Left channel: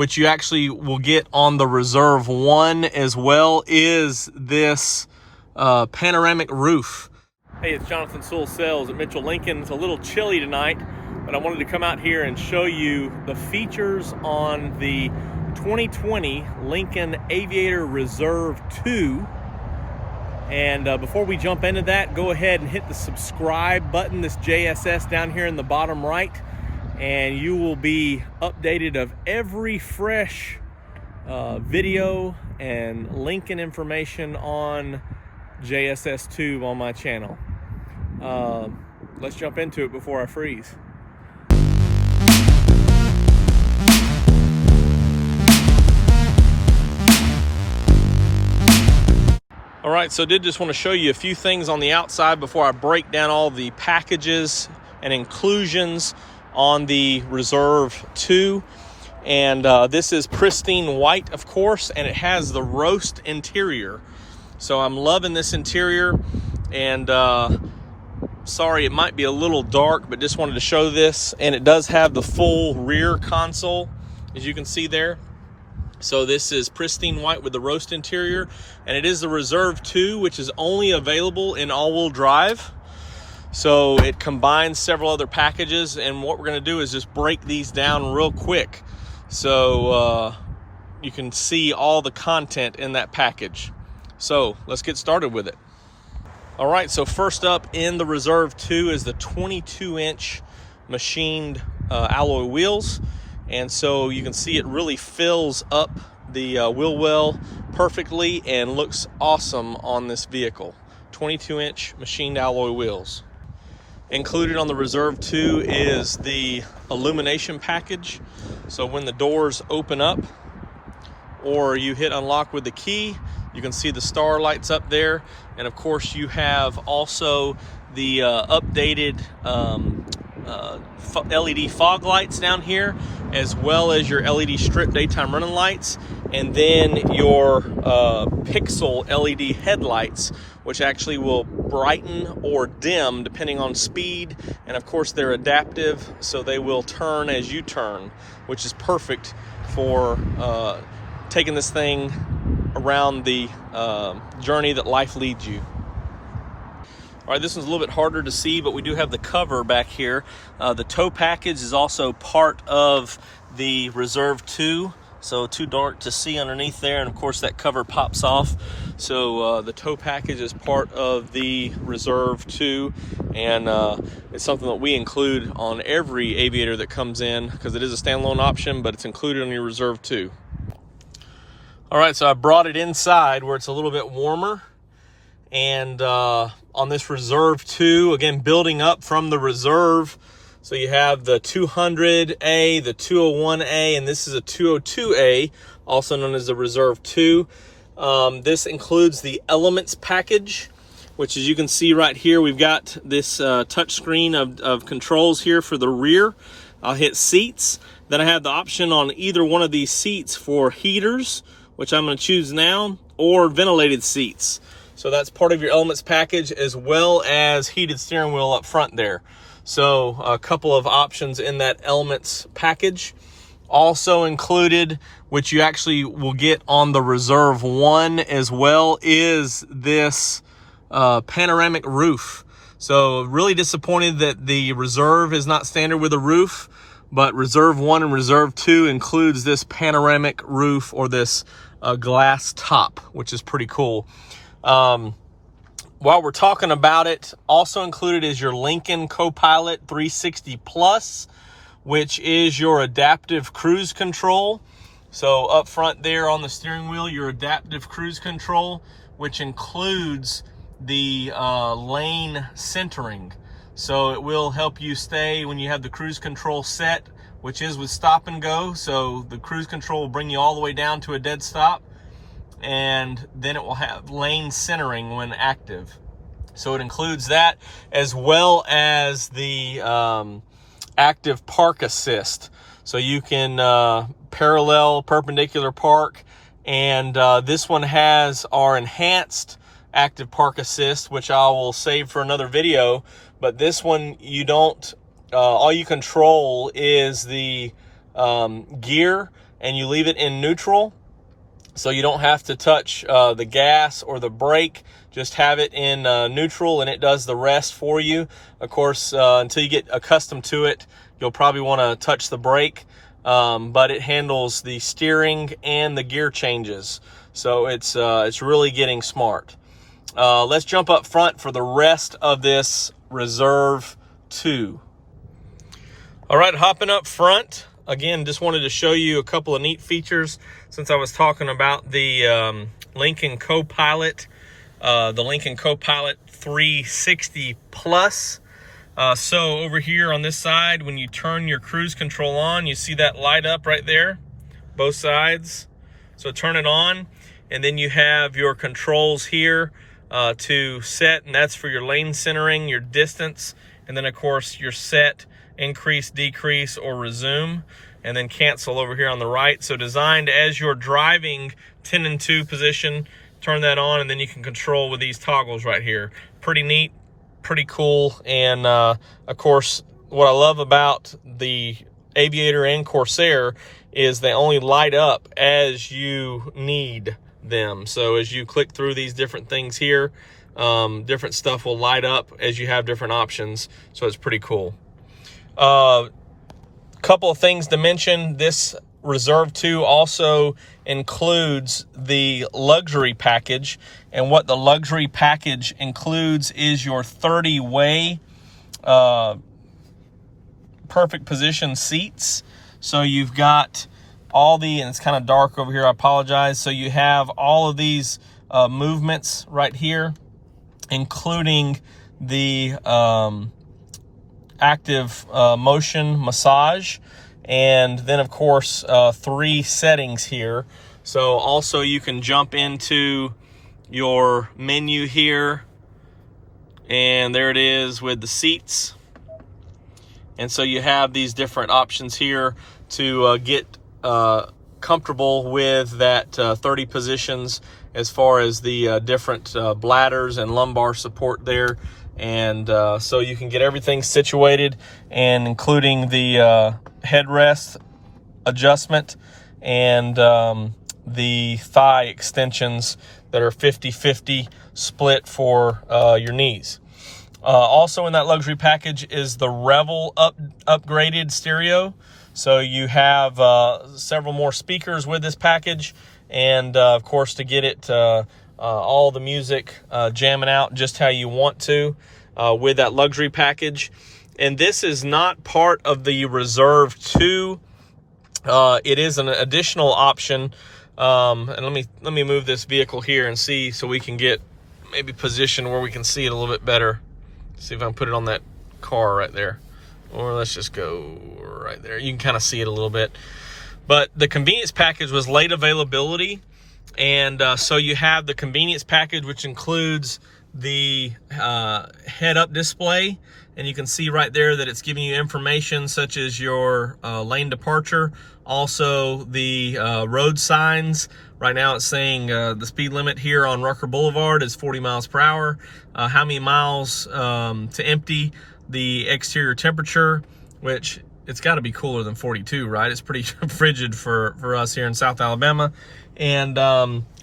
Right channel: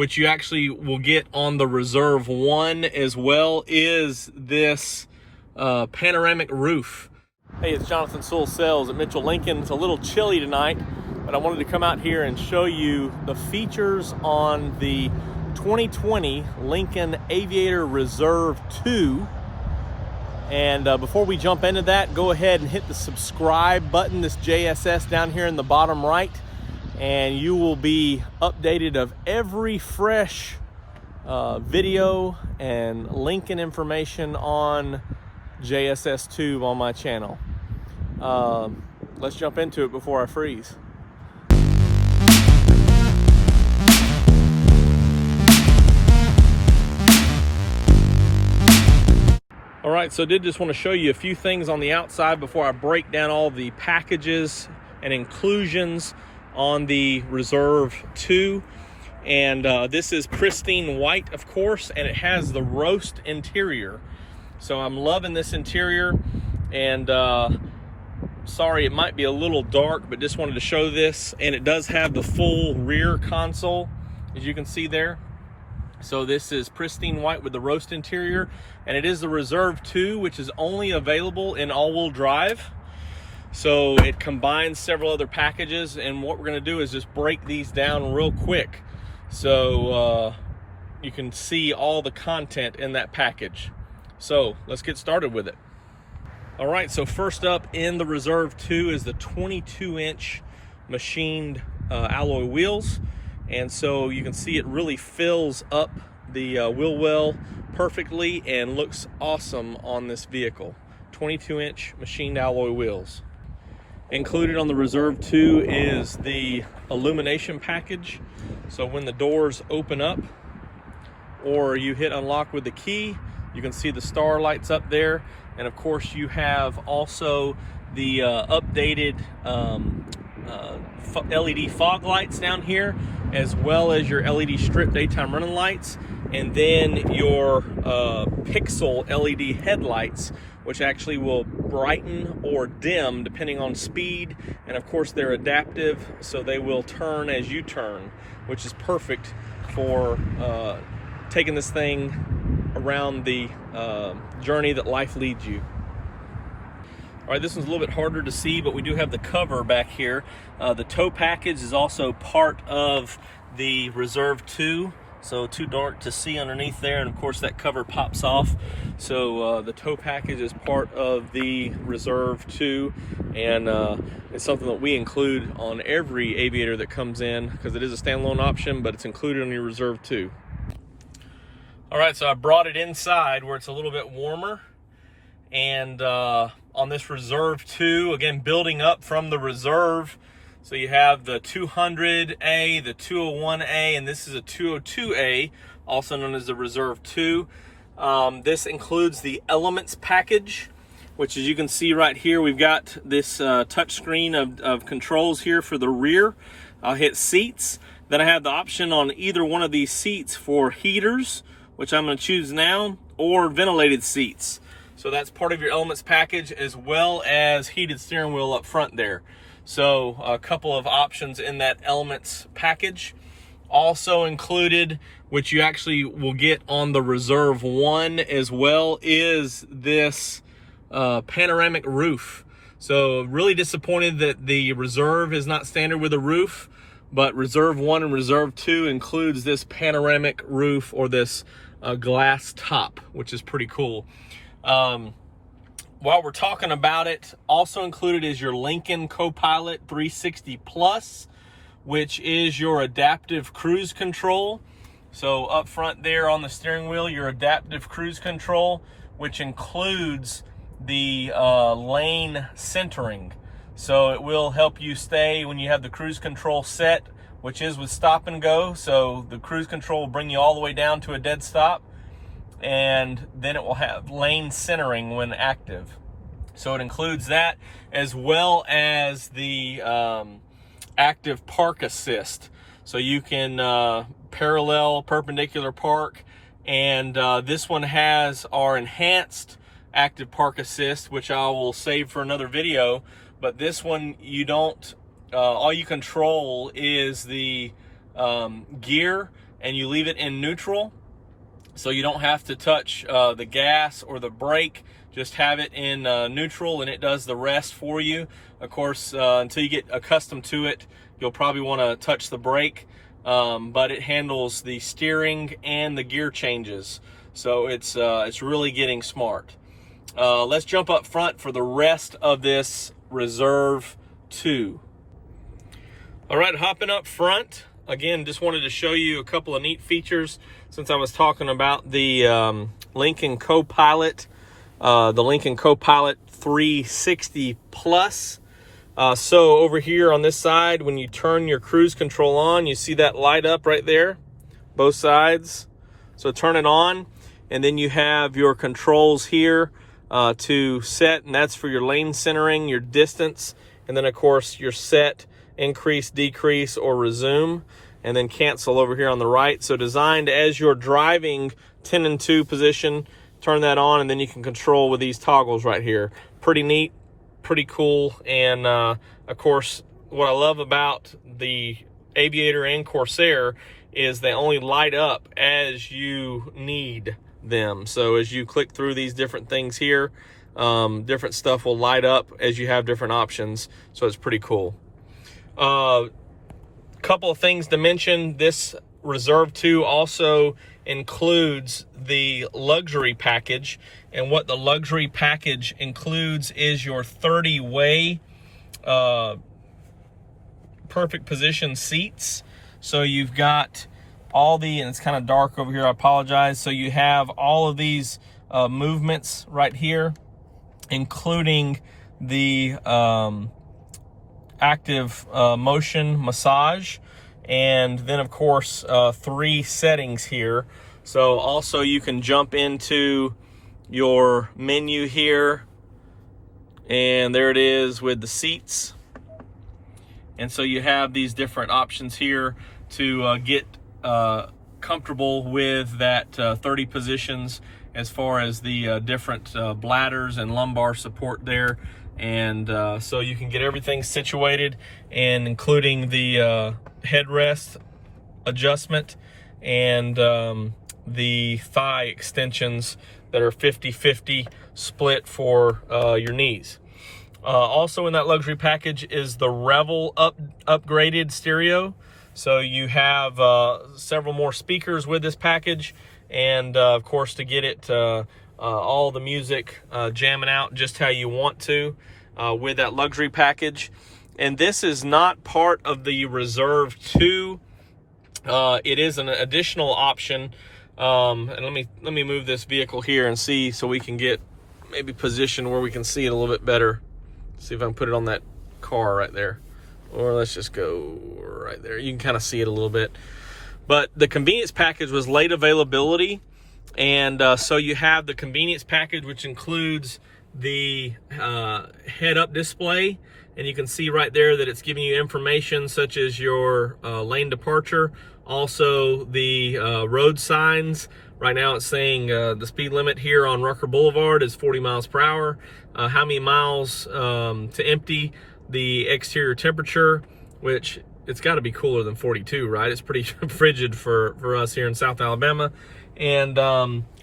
which you actually will get on the Reserve I as well, is this panoramic roof. Hey, it's Jonathan Sewell Sales at Mitchell Lincoln. It's a little chilly tonight, but I wanted to come out here and show you the features on the 2020 Lincoln Aviator Reserve II. And before we jump into that, go ahead and hit the subscribe button, this JSS down here in the bottom right, and you will be updated of every fresh video and Lincoln information on JSS Tube on my channel. Let's jump into it before I freeze. All right, so I did just want to show you a few things on the outside before I break down all the packages and inclusions on the Reserve II. And this is pristine white, of course, and it has the roast interior. So I'm loving this interior, and sorry it might be a little dark, but just wanted to show this. And it does have the full rear console, as you can see there. So this is pristine white with the roast interior, and it is the Reserve II, which is only available in all-wheel drive. So it combines several other packages, and what we're gonna do is just break these down real quick so you can see all the content in that package. So let's get started with it. All right, so first up in the Reserve II is the 22-inch machined alloy wheels. And so you can see it really fills up the wheel well perfectly and looks awesome on this vehicle. 22-inch machined alloy wheels. Included on the Reserve II is the Illumination package. So when the doors open up or you hit unlock with the key, you can see the star lights up there. And of course you have also the updated LED fog lights down here, as well as your LED strip daytime running lights, and then your pixel LED headlights, which actually will brighten or dim depending on speed. And of course they're adaptive, so they will turn as you turn, which is perfect for taking this thing around the journey that life leads you. All right, this one's a little bit harder to see, but we do have the cover back here. The tow package is also part of the Reserve II, so too dark to see underneath there, and of course that cover pops off. So the tow package is part of the Reserve II, and it's something that we include on every Aviator that comes in, because it is a standalone option, but it's included on your Reserve II. All right, so I brought it inside where it's a little bit warmer, and on this Reserve II, again, building up from the Reserve. So you have the 200A, the 201A, and this is a 202A, also known as the Reserve II. This includes the Elements package, which, as you can see right here, we've got this touch screen of controls here for the rear. I'll hit seats. Then I have the option on either one of these seats for heaters, which I'm going to choose now, or ventilated seats. So that's part of your Elements package, as well as heated steering wheel up front there. So a couple of options in that Elements package. Also included, which you actually will get on the Reserve I as well, is this panoramic roof. So really disappointed that the Reserve is not standard with a roof, but Reserve I and Reserve II includes this panoramic roof, or this glass top, which is pretty cool. While we're talking about it, also included is your Lincoln Copilot 360 Plus, which is your adaptive cruise control. So up front there on the steering wheel, your adaptive cruise control, which includes the lane centering. So it will help you stay when you have the cruise control set, which is with stop and go. So the cruise control will bring you all the way down to a dead stop, and then it will have lane centering when active. So it includes that, as well as the active park assist. So you can parallel, perpendicular park, and this one has our enhanced active park assist, which I will save for another video. But this one, you don't, all you control is the gear, and you leave it in neutral, so you don't have to touch the gas or the brake. Just have it in neutral, and it does the rest for you. Of course, until you get accustomed to it, you'll probably want to touch the brake, but it handles the steering and the gear changes. So it's really getting smart. Let's jump up front for the rest of this Reserve II. All right, hopping up front. Again, just wanted to show you a couple of neat features since I was talking about the Lincoln Copilot, the Lincoln Copilot 360 Plus. So over here on this side, when you turn your cruise control on, you see that light up right there, both sides. So turn it on, and then you have your controls here to set, and that's for your lane centering, your distance, and then of course your set, increase, decrease, or resume, and then cancel over here on the right. So designed as you're driving 10 and 2 position, turn that on, and then you can control with these toggles right here. Pretty neat, pretty cool. And of course, what I love about the Aviator and Corsair is they only light up as you need them. So as you click through these different things here, different stuff will light up as you have different options. So it's pretty cool. Couple of things to mention. This Reserve II also includes the luxury package, and what the luxury package includes is your 30-way perfect position seats. So you've got all the, and it's kind of dark over here, I apologize. So you have all of these movements right here, including the active motion massage, and then of course 3 settings here. So also you can jump into your menu here, and there it is with the seats. And so you have these different options here to get comfortable with that 30 positions as far as the different bladders and lumbar support there. And so you can get everything situated, and including the headrest adjustment and the thigh extensions that are 50-50 split for your knees. Also in that luxury package is the Revel upgraded stereo. So you have several more speakers with this package, and of course to get it all the music jamming out just how you want to with that luxury package. And this is not part of the Reserve II. It is an additional option. And let me move this vehicle here and see, so we can get maybe position where we can see it a little bit better. See if I can put it on that car right there, or let's just go right there. You can kind of see it a little bit. But the convenience package was late availability, and so you have the convenience package, which includes the head-up display, and you can see right there that it's giving you information such as your lane departure, also the road signs. Right now it's saying the speed limit here on Rucker Boulevard is 40 miles per hour. How many miles to empty, the exterior temperature, which it's got to be cooler than 42, right? It's pretty frigid for us here in South Alabama. And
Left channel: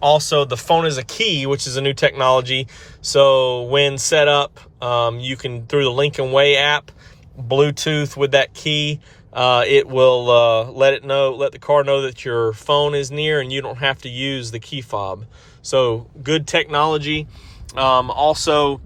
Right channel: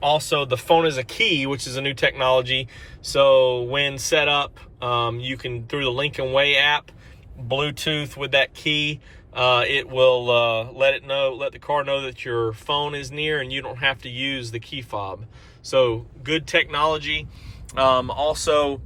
also the phone is a key, which is a new technology. So when set up, you can, through the Lincoln Way app, Bluetooth with that key, it will let the car know that your phone is near, and you don't have to use the key fob. So good technology. Also,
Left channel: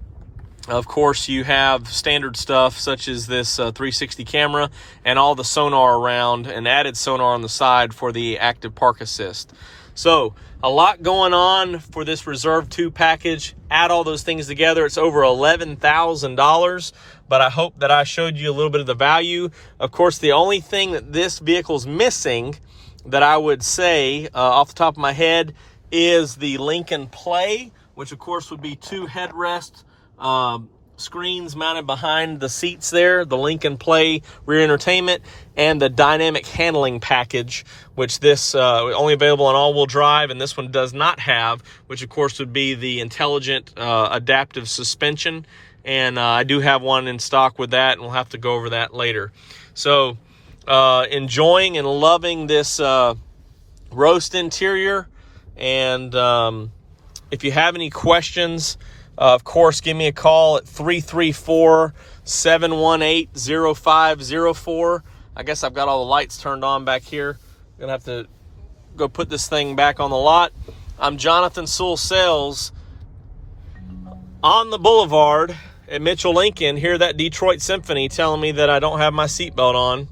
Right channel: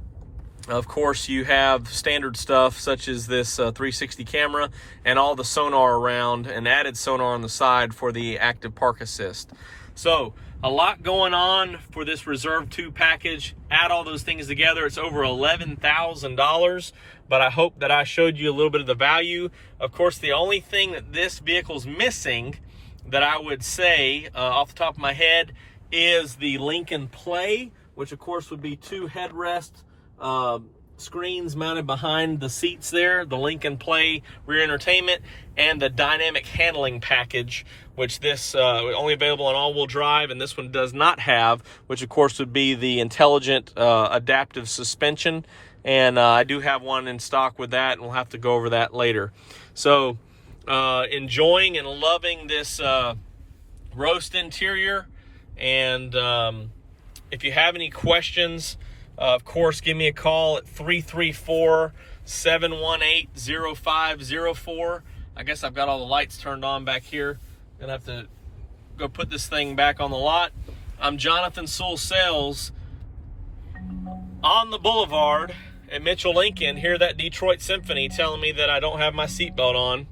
of course, you have standard stuff such as this 360 camera and all the sonar around, and added sonar on the side for the active park assist. So a lot going on for this Reserve II package. Add all those things together, it's over $11,000. But I hope that I showed you a little bit of the value. Of course, the only thing that this vehicle's missing that I would say off the top of my head is the Lincoln Play, which of course would be 2 headrest screens mounted behind the seats there, the Lincoln Play rear entertainment, and the dynamic handling package, which this only available on all-wheel drive, and this one does not have, which of course would be the intelligent adaptive suspension. And I do have one in stock with that, and we'll have to go over that later. So enjoying and loving this roast interior. And if you have any questions, of course, give me a call at 334-718-0504. I guess I've got all the lights turned on back here. I'm gonna have to go put this thing back on the lot. I'm Jonathan Sewell Sales on the boulevard at Mitchell Lincoln. Hear that Detroit Symphony telling me that I don't have my seatbelt on.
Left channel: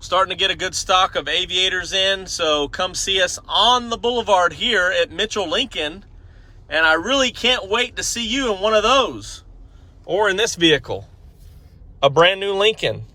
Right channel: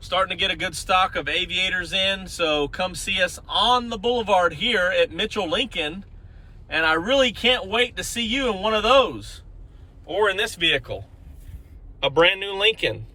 Starting to get a good stock of Aviators in, so come see us on the boulevard here at Mitchell Lincoln. And I really can't wait to see you in one of those, or in this vehicle, a brand new Lincoln.